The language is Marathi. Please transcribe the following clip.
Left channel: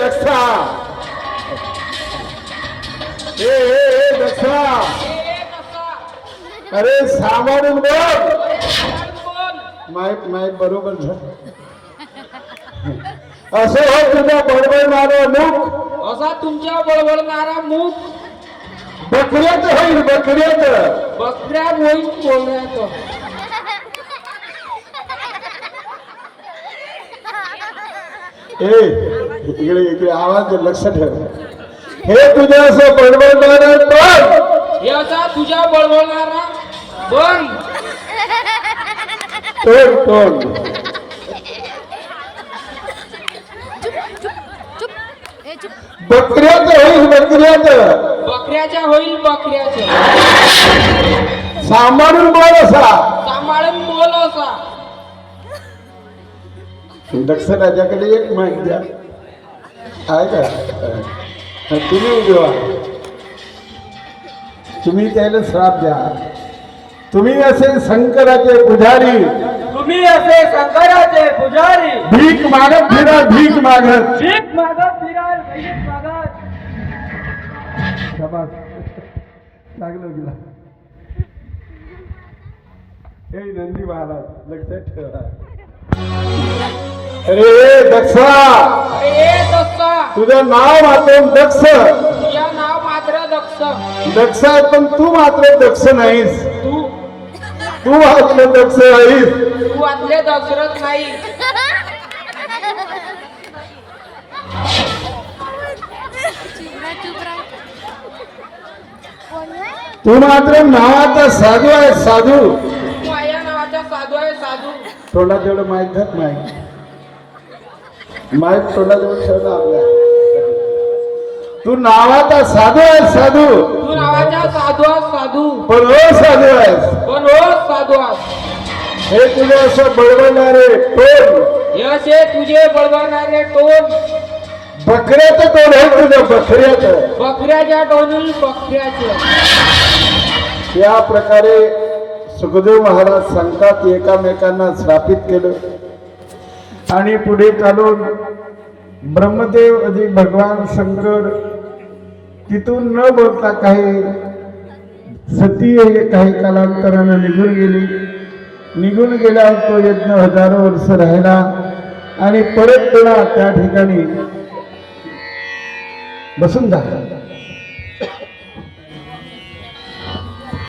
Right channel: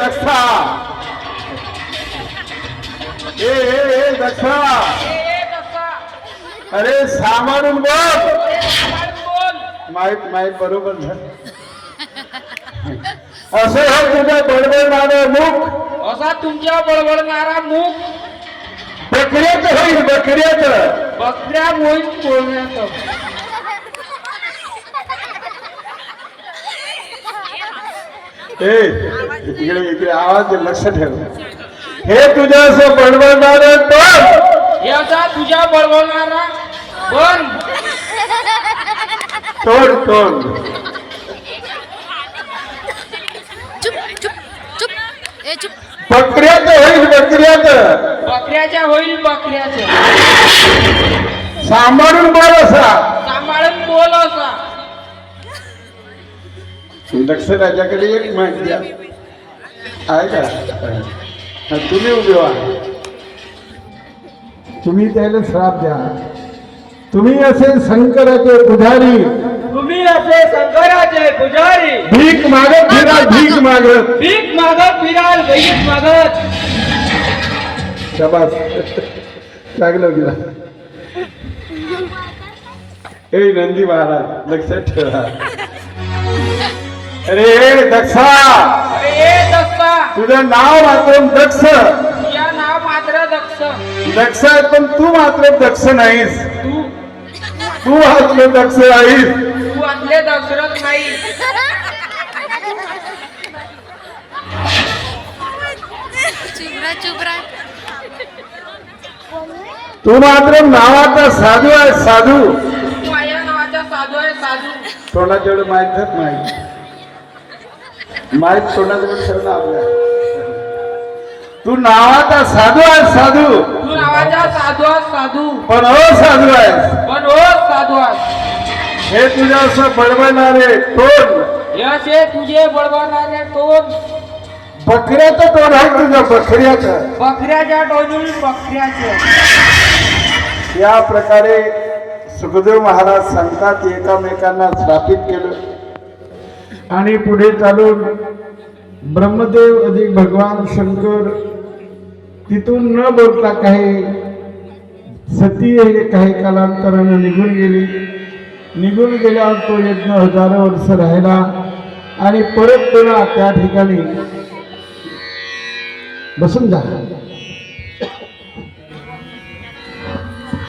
दक्षा ए दक्षा अरे सामारून बोल माहित बरोबर असं हे तुझ्या बडबडणारा मुख असा तुमच्या बडबडणारा मुख बकऱ्यात होईल बकऱ्यात बकऱ्या होईल बोलण्याचं इकडे आवाज लक्ष ठेव हे तुझ्या असं बडबडणारे पण हे असा तुझ्या बडबडणारा पण तोंड चुप चुप चुप ए चुप बकऱ्यात होईल बकऱ्यात बकऱ्याच्या होईल बकऱ्याचं सांभाळून बोल असा सांभाळून बोल असा लक्ष त्याच्याकडे एक मिनिट द्या आहे का तुम्ही उभे व्हा तुम्ही त्याला श्राप द्या तुम्ही असे शंकराचे पुजारी तुम्ही असे शंकराचे पुजारी भीक मागत फिरा भीक मागत भीक मागत फिराल भीक मागत शाबास लागलं गेला ए नंदी महाराज लक्षात ठेवा अरे दक्षा अरे दक्षा तुझं नाव मात्र दक्ष तुझ्या नाव मात्र दक्ष दक्ष आहे पण तू मात्र दक्ष नाहीस तू तू मात्र दक्ष नाहीस तू आपले दशरथ नाही चुप रहा तू मात्र नावाचा साधू आहे साधू तू माझ्या नावाचा साधू आहे साधू तोंडा जेवढं माहीत नाही माहीत तोंडा जेवढं ठेवलं आपल्या तू नावाचा साधू आहे साधू तू नावाचा साधू आहे साधू पण हो साधू आहेस पण हो साधू आहे हे तुझ्या असं बडबडणारे तोंड हे असे तुझे बळवणारे टोन बकऱ्याचं तोंड आहे तुझ्या बकऱ्याचं बकऱ्याच्या टोनी बकऱ्याचे या प्रकारे सुखदेव महाराज सांगतात एकामेकांना स्थापित केलं आणि पुढे चालून ब्रह्मदेव अधिक भगवान शंकर तिथून न बोलता काही सती काही कालांतरानं निघून गेली निघून गेल्यावर तो यज्ञ हजारो वर्ष राहिला आणि परत पुन्हा त्या ठिकाणी बसून जा